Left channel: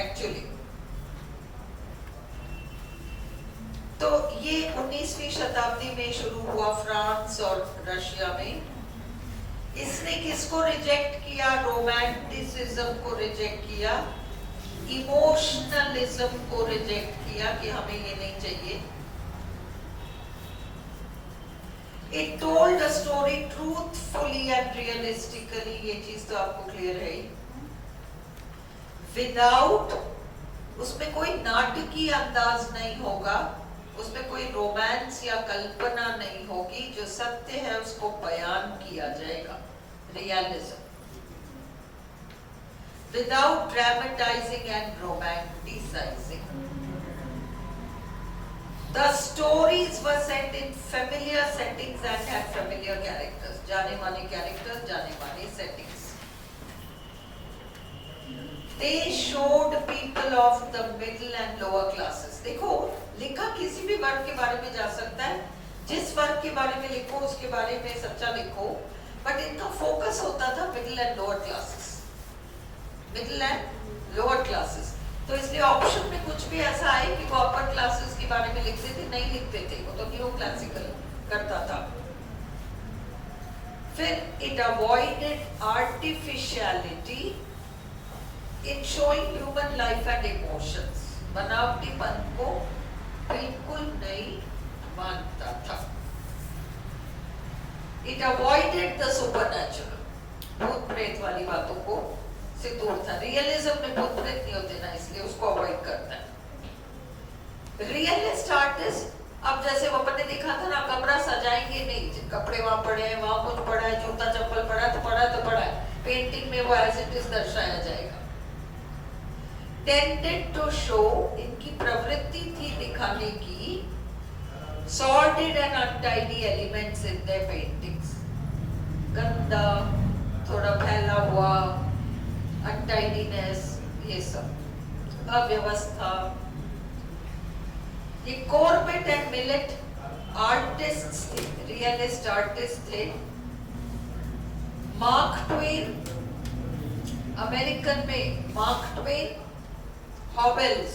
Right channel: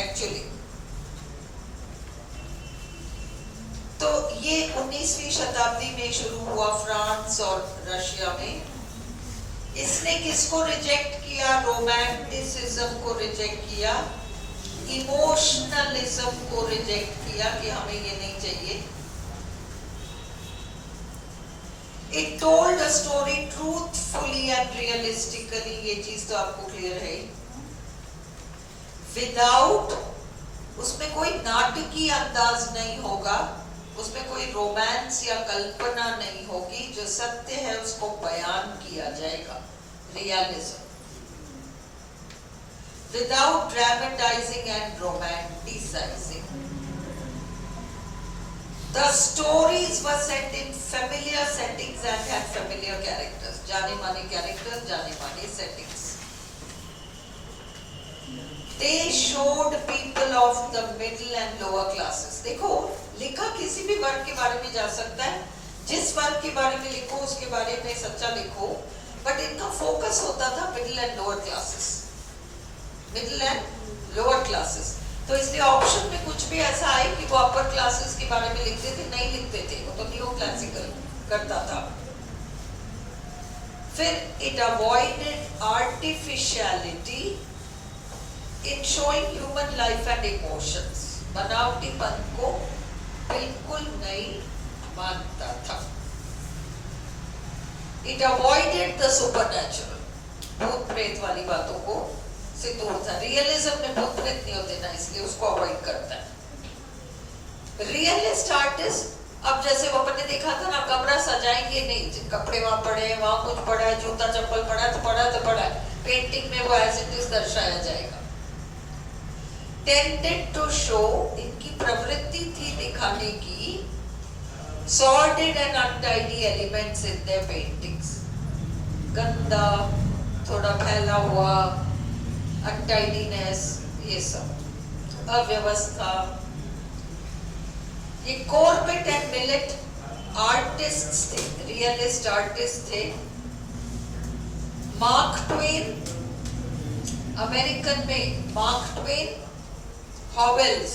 Actually. तो ये 19वीं शताब्दी में शुरू हुआ फ्रांस और रशिया में। इसने किसको रिजेक्ट किया? रोमांटिसिज्म को रिजेक्ट किया, इमोशनलिज्म को रिजेक्ट किया कि हमें ये नहीं चाहिए। It told a story truthfully and realistically, ये चीज तो आपको क्लियर है। Without, उसमें कोई नाटकीय अंदाज नहीं होगा, उसमें कोई रोमांस या कल्पना नहीं होगी, जो सत्य है उसको बयान किया जाएगा, realism. Without dramatizing and romanticizing. The stories were set in familiar settings and had familiar characters. जाने माने characters, जाने माने settings. They showed people of the middle and lower classes. देखो, लिखा किसी भी वर्ग के बारे में जा सकता है, जिस वर्ग के बारे में लिखो उसके बारे में सच्चा लिखो, बट इनका फोकस होता था middle and lower classes, middle and lower classes. तो इसलिए ऑप्शन में कुछ भी ऐसा आए कि वो अपर क्लासेस के बारे में लिखते थे, नहीं लिखते थे, वो तो न्यू क्लासिकल करता था। फिर it avoided artificiality in showing human life and emotions. बनावटीपन को बिल्कुल नहीं मानता था। इट अवॉइडेड द सुपरनैचुरल, भूत प्रेत वाली बातों को से दूर था। रियलिज्म में भूत प्रेत नहीं होते ना, इसलिए उसको अवॉइड करता है। रियलिस्ट आर्टिस्ट, अब जैसे वो अपन ने देखा था ना, कमरा सजाएंगे नहीं, कपड़े वहां पड़े हैं, वहां कुछ पड़ा है, जूता चप्पल पड़ा है तो पड़ा है, पेंटिंग में वो एज इट इज दर्शाया जाएगा। टेंडेड टू शो, इनकी प्रवृत्ति थी दिखाने की, sordid and untidy elements in their paintings. गंदा, थोड़ा फैला हुआ, अनटाइडीनेस, ये सब अव्यवस्था। ये कॉर्बेट एंड मिलेट आर्टिस्ट थे, रियलिस्ट आर्टिस्ट थे। मार्क ट्वेन, अमेरिकन में mark Twain, Havells,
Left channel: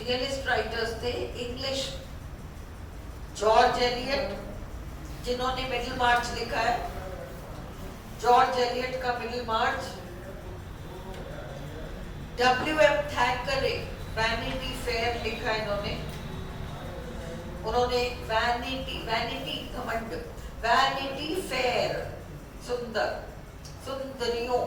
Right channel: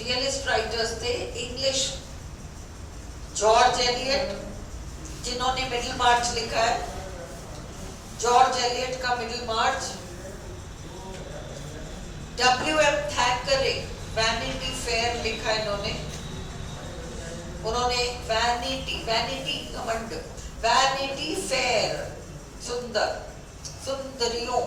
realist writers थे। इंग्लिश जॉर्ज एलियट, जिन्होंने मिडिल मार्च लिखा है, जॉर्ज एलियट का मिडिल मार्च। W.M. थैकरे, वैनिटी फेयर लिखा इन्होंने। उन्होंने वैनिटी घमंड, वैनिटी फेयर, सुंदरियों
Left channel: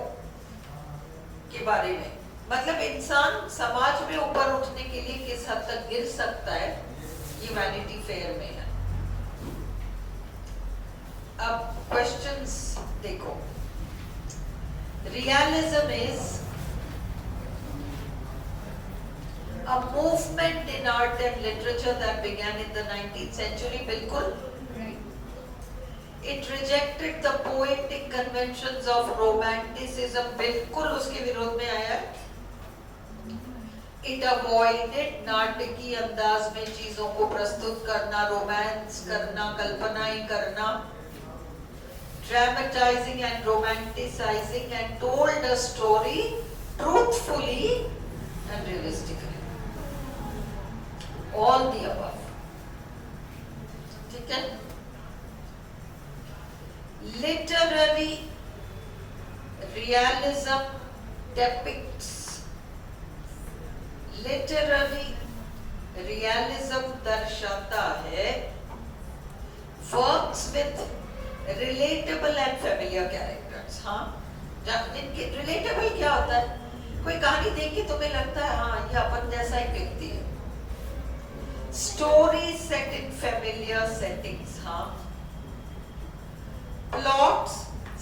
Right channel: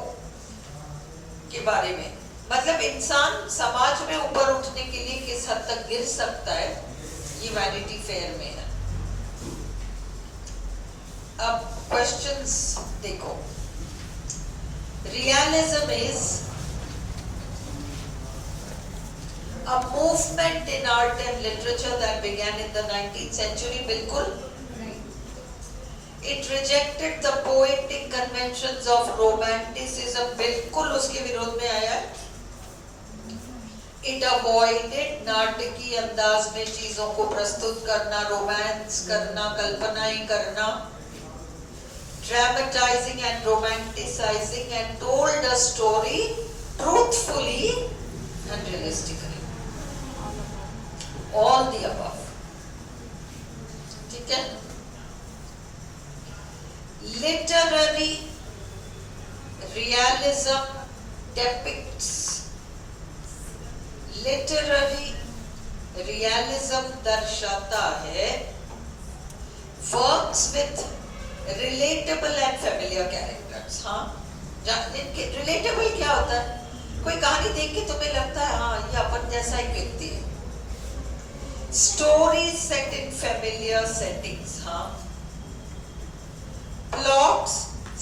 के बारे में, मतलब इंसान समाज में ऊपर उठने के लिए किस हद तक गिर सकता है, ये वैनिटी फेयर में है। अब क्वेश्चंस देखो। Realism is a movement in art and literature that began in the 19th century. बिल्कुल। It rejected the poetic conventions of romanticism. बिल्कुल उसके विरोध में आया है। It avoided नाटकीय अंदाज में चीजों को प्रस्तुत करना, रोमांस करना, कल्पनाएं करना, dramatizing and romanticizing, and told a story truthfully and realistically. All the above. ठीक है? Literary realism depicts, literary realism दर्शाता है works with relatable and familiar characters. हाँ, इनके relatable क्या होता है? कोई कहानी देख के तुम्हें लगता है हाँ ये अपन जैसा ही व्यक्ति है। Stories set in familiar settings. हाँ, plots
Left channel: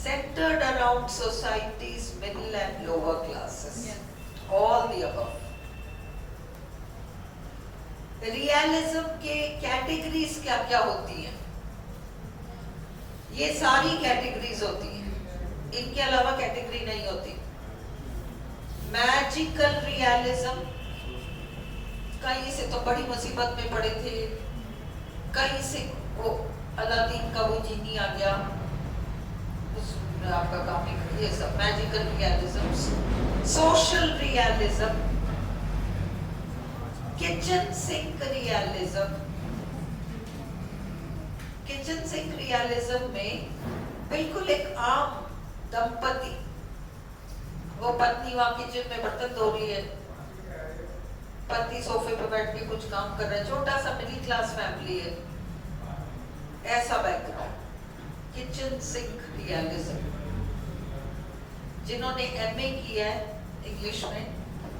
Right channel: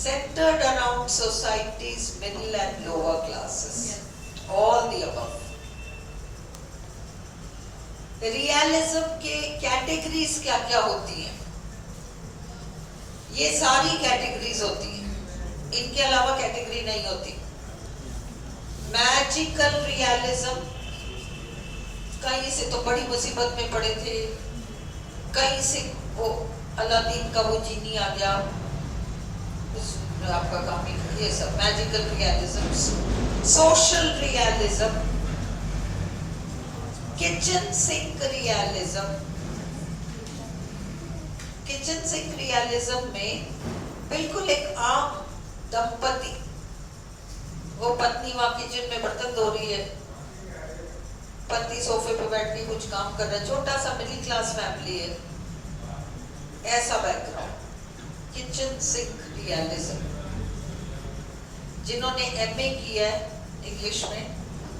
centered around society's middle and lower classes. All the above. Realism के categories क्या क्या होती हैं? ये सारी categories होती हैं, इनके अलावा category नहीं होती। Magical realism, कहीं से तो बड़ी मुसीबत में पड़े थे, कहीं से वो अलादीन का वो जीनी आ गया, आपका काम ही ये सब magical realism, social realism, kitchen sink realism. Kitchen sink realism में बिल्कुल एक आम दंपति, वो पत्नी वहां किचन में बर्तन धो रही है, पति सोफे पे बैठ के कुछ काम कर रहा है, छोटा सा मिडिल क्लास फैमिली है, ऐसा बैकग्राउंड। Kitchen sink realism. जिन्होंने एमए किया है इंग्लिश में,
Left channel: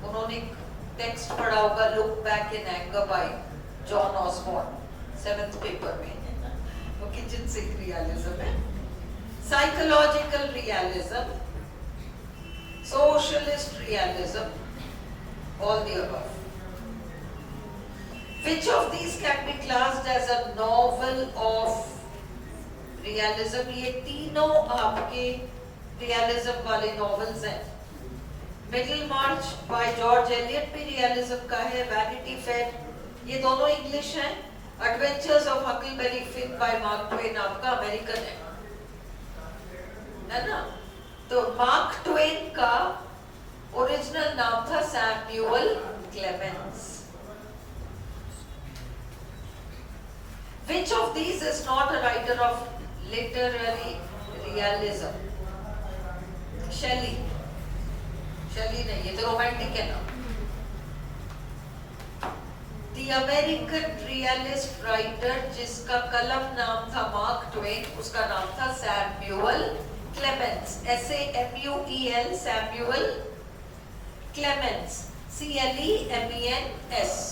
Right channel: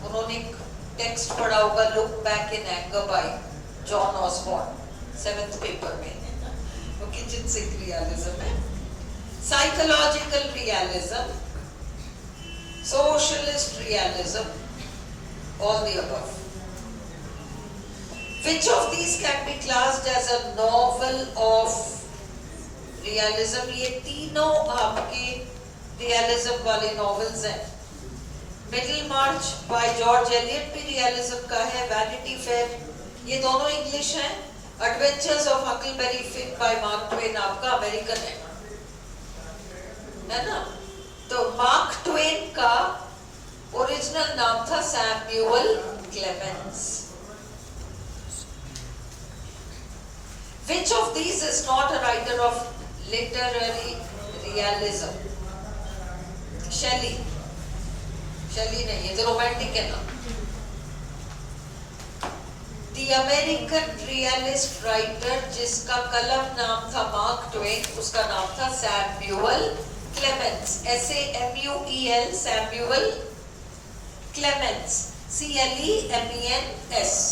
उन्होंने एक टेक्स्ट पढ़ा होगा, look back in anger by John Osborne, 7th paper में, वो किचन सिंक रियलिज्म है। Psychological realism, socialist realism, all the above. Which of these can be classed as a novel of realism? ये तीनों आपके realism वाले novels हैं। Middle March by George Eliot भी realism का है, वैनिटी फेयर, ये दोनों इंग्लिश हैं। Adventures of Huckleberry Finn bye mark Twain आपका अमेरिकन है ना? तो मार्क ट्वेन का ओरिजिनल नाम था Samuel Clemens. Which of these is not a writer of literary realism? Shelley नहीं, ये तो रोमांटिक है ना। The American realist writer जिसका कलम नाम था मार्क ट्वेन, उसका नाम था Samuel Clemens, SAMUEL, Samuel Clemens, CLEMENS।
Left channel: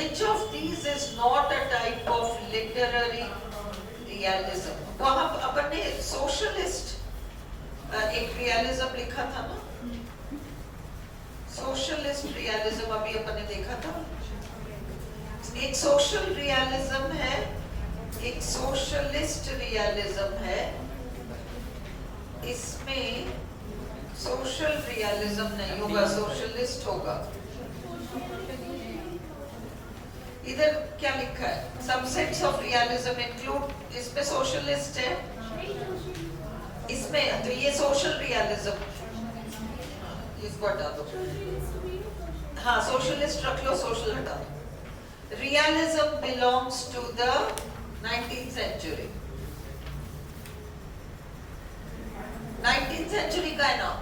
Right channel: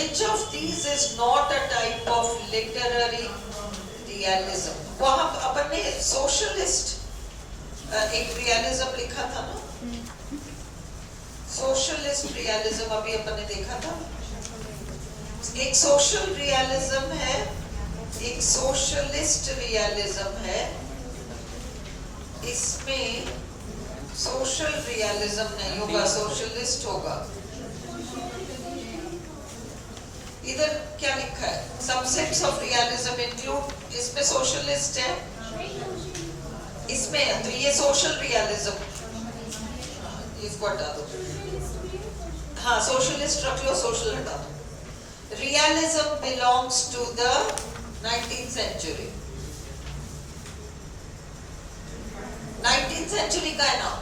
Which of these is not a type of literary realism? वहाँ अपन ने सोशलिस्ट एक रियलिज्म लिखा था ना, सोशलिस्ट रियलिज्म अभी अपन ने देखा था। एक सोशल रियलिज्म है, एक सोशलिस्ट रियलिज्म है। इसमें सोशल रियलिज्म नहीं होगा, सोशलिस्ट होगा। इधर क्या लिखा है? सबसेट्स ऑफ रियलिज्म इंक्लूड, इसमें सोशलिस्ट है, इसमें तो ये सोशल रियलिज्म, इसको हटा दो। हाँ, सोशलिस्ट रख लो, सोशल हटा दो। Realism belongs to the 19th century। 19th century का है ना।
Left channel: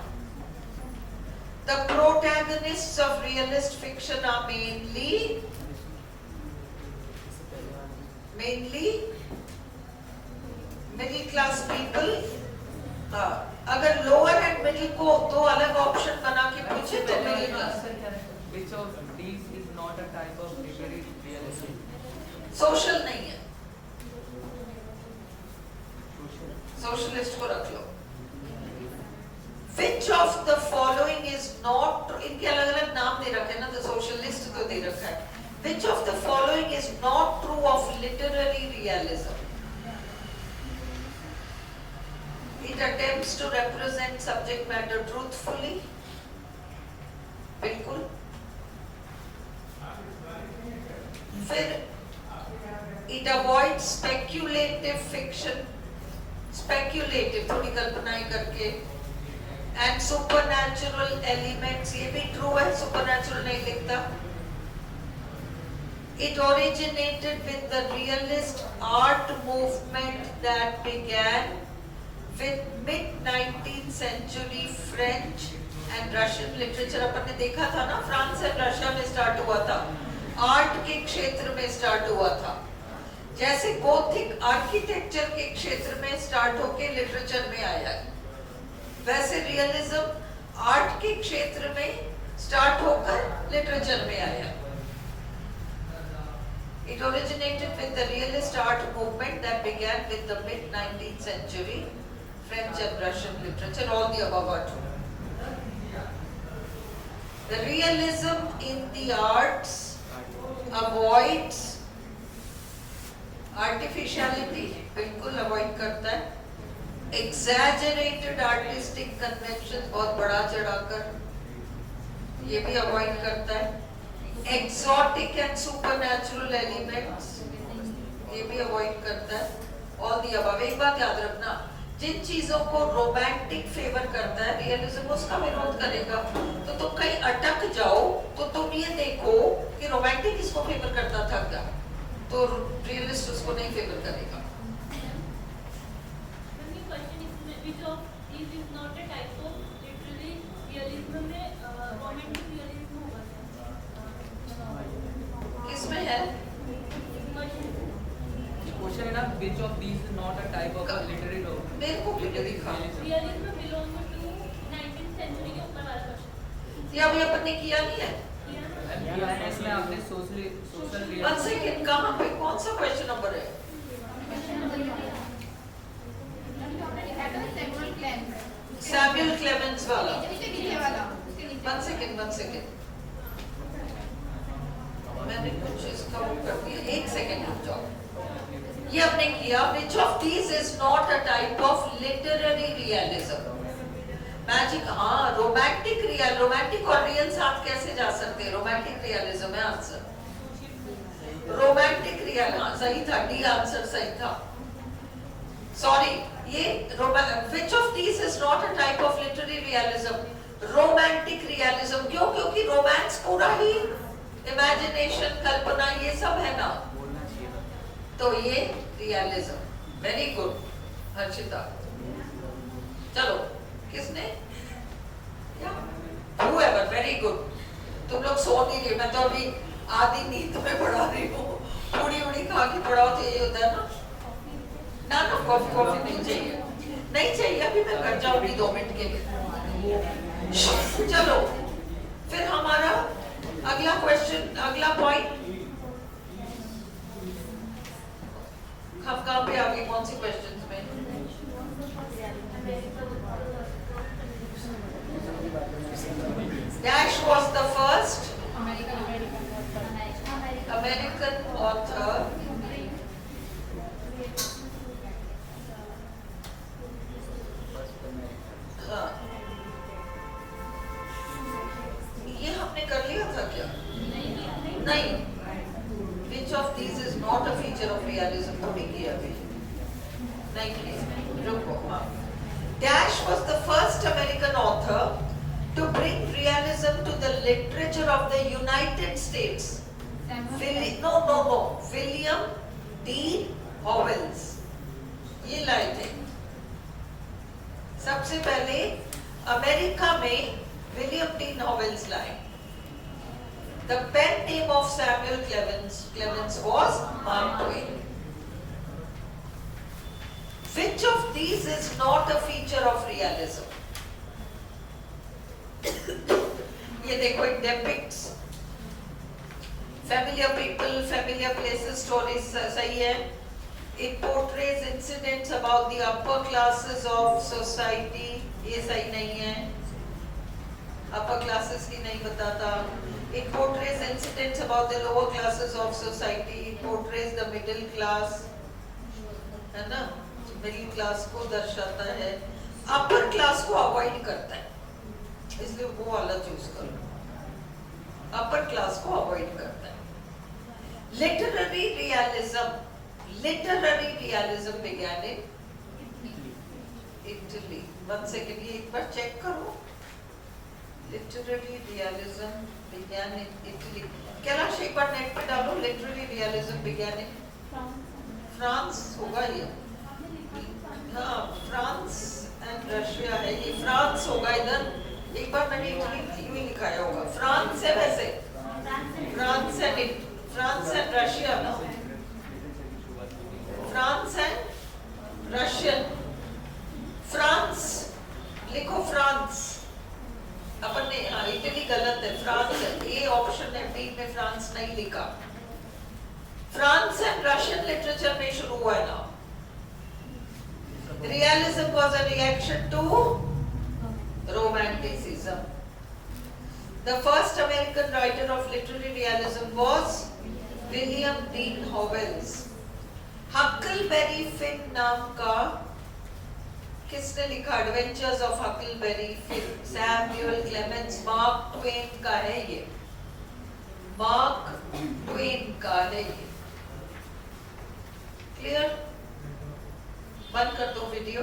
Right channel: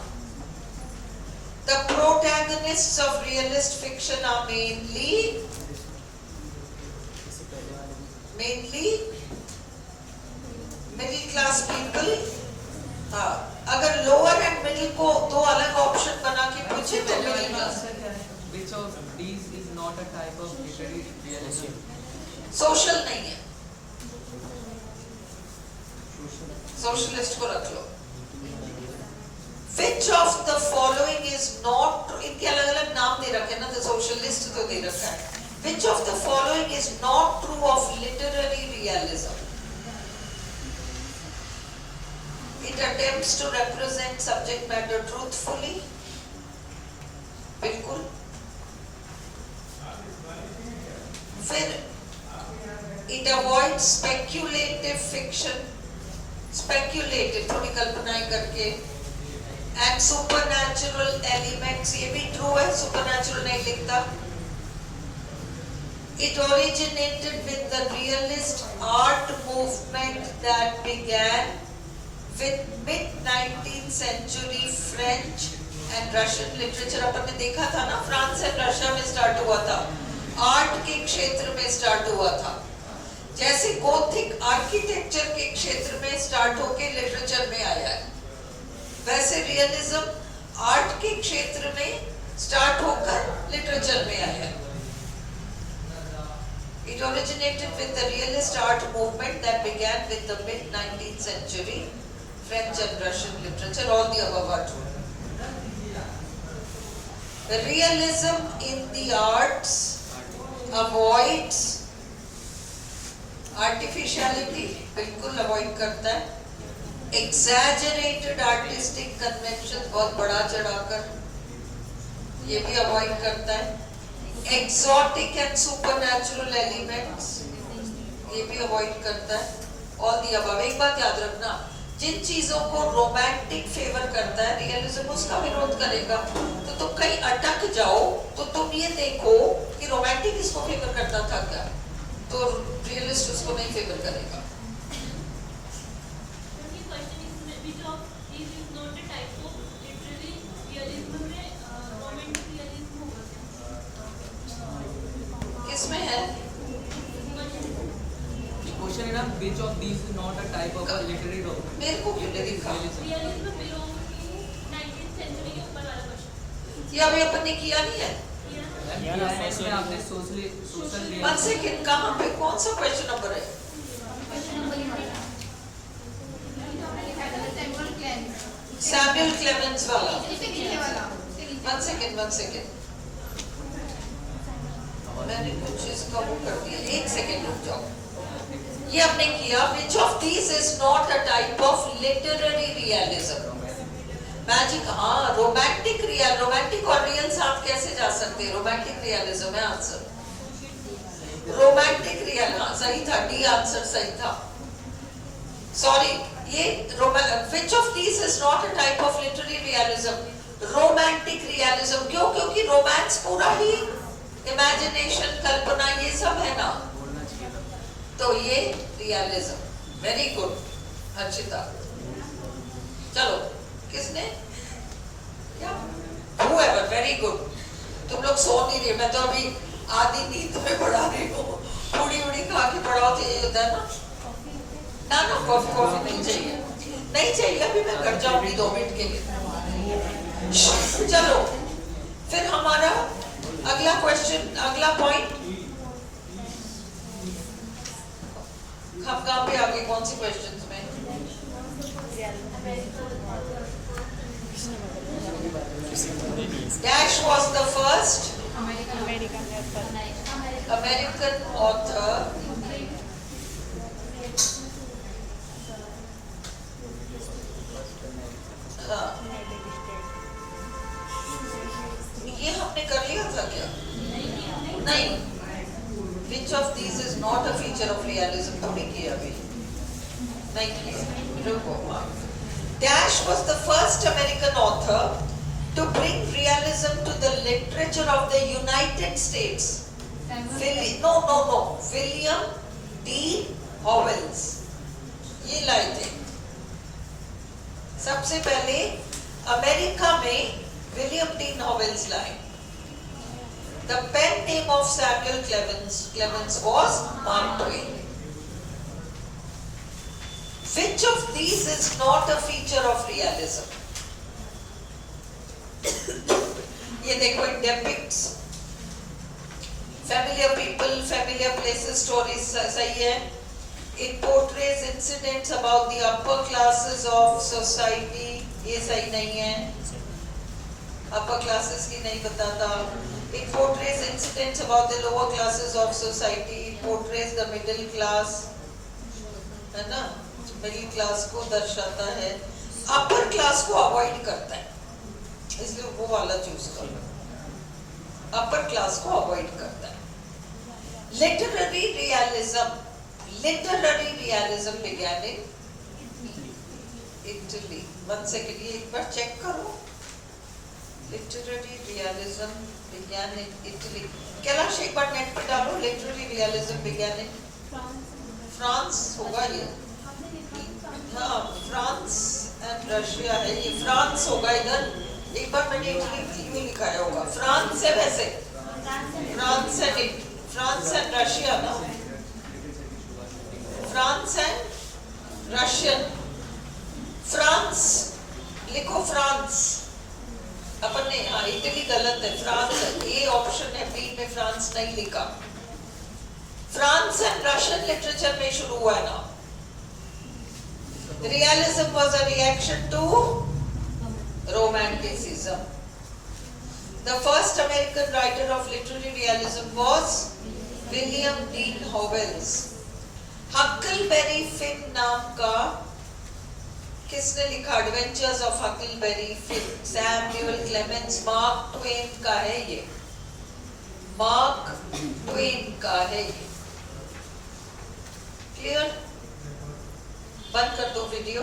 The protagonists of realist fiction are mainly middle class people. हाँ, अगर लोअर एंड मिडिल को दो अलग ऑप्शन बना के पूछे तो middle class. Which of these is not a type of literary realism? Social नहीं है, सोशलिस्ट को रख लो। Which of the following is not, इनके अलग अलग नाम दे रखे ना, तो सोशलिस्ट तो दे रखा है। Which of the following is not true of literary realism? It attempts to represent subject matter truthfully. बिल्कुल। फिर it avoids speculative fiction, speculative थोड़ी कल्पनाएं करके, and supernatural elements, ये भी true है, supernatural नहीं लिखता। It originated with the realist art movement that began with mid-19th century French and Russian literature। अपन ने देखा था ना, फ्रांस और रशिया में स्टार्ट हुआ था, आर्ट के क्षेत्र में स्टार्ट हुआ था। जैसे गोथिक आर्किटेक्चर के क्षेत्र में स्टार्ट होके लिटरेचर में आया है, वैसे रियलिज्म आर्ट के क्षेत्र में स्टार्ट होकर लिटरेचर में आया है। It originated with the realist art movement that began with the mid-19th century French and Russian literature. All the above are true. The realism in the arts avoids artificiality, बिल्कुल avoid करता है। Exaggerated artistic conventions, बहुत बड़ा चढ़ाकर, ये भी avoid करता है। एक्सोटिक एंड सुपरनैचुरल एलिमेंट्स, ये भी अवॉइड करता है। All the above. एक बात याद रखना, जिन चीजों को रोमांटिक फेवर करता है, रियलिज्म उसका विरोध करेगा। तो तुम कहीं अटक जाओ तो तुम ये देखो कि रोमांटिक इसको फेवर करता था क्या, तो रियलिस्ट उसको नहीं फेवर करेगा। किसमें है? क्वेश्चन है ना, which of these is not a type of a literary मेरे को भी लिखा, ये अभी अपन ने किया नहीं है। PNS में आपने सोशल वन सेकेंड, कहाँ पे, कौन सा क्वेश्चन नंबर है? सैमुअल क्लेमेंस वाला। वन सेकेंड, मैंने कुछ इसका वो कर दिया, एक सेकेंड रुक जाओ। ये आपने किया, which of these is not a type of literary realism? Magic, हाँ, रोमांटिक और रियल साथ कैसे जा सकते हैं? रोमांटिक रियलिज्म है आंसर। रोमांटिक रियल, हाँ सही था, डी आंसर सही था। सॉरी, ये which of these is not a type of literary realism? Romantic realism. क्यों? क्योंकि रोमांस पूरा ही इमेजिनेशन, कल्पना, ये सब है ना, बोलना चाहिए था। तो ये रियलिज्म। Very good Harshita. चलो, किसने? Whoever, very good। तुम लोग सो नहीं रहे, मैं तो अभी आधी नींद में पढ़ा रही हूँ। उड़ी खा के पढ़ाओ तो ये होता है ना। ना कॉफी नहीं चाहिए, अभी मैं घर जाऊंगी 2 मिनट के लिए। चलो, फिर हमारा अगला क्वेश्चन, अगला पॉइंट, हम कहाँ पे आगे, कौन सी क्वेश्चंस में? Dash was the first American author हाँ, ये हमने कर लिया था क्या? नहीं। Which of these is not a feature of realism? तो नहीं किया अभी, नहीं किया, रुको। Dash was the first American author to bring realism to the literature of the United States. William D. Howells ये लाए थे। सबसे पहले अमेरिका में विलियम डी हॉवेल्स लाए। The pen name of Samuel Clemens was Mark Twain. Which of these is not a feature of realism? ये देखो, it depicts familiar people, familiar places, stories, सही है। It portrays incidents about the upper classes of society, ये सही नहीं है, upper classes की नहीं बताता। It portrays incidents about the lower classes of society, it portrays the middle class, है ना, middle class को दर्शाता है, upper class को avoid करता है, इसलिए वो वाला चूज करो। अपर क्लास को अवॉइड करता है। Literary realism began in Italy। One second, ये एक बार चेक करो। Literary realism began in Italy। Kailash एक बार नेट पे डालो, literary realism began in France होगा ये, हाँ, फ्रांस एंड रशिया है, ये फ्रांस होगा इधर। एक बार मैंने इटली लिखाया होगा, फ्रांस है वैसे, फ्रांस एंड रशिया ना, फ्रांस एंड रशियन। फ्रांस लिखो, फ्रांस अपन ने, हाँ इटली गलत है, फ्रांस है, ये ऑप्शन है, बी में फ्रांस नहीं लिखा। फ्रांस एंड रशियन लिटरेचर में शुरू हुआ है ना। Realism was a reaction to Romanticism. The first American writer of literary realism was William Dean Howells. Huckleberry Finn नाम का किसने लिखा adventures of Huckleberry Finn? Samuel Clemens, mark Twain का है ये, मार्क ट्वेन का है ये। क्लियर? बंद कर दो वीडियो।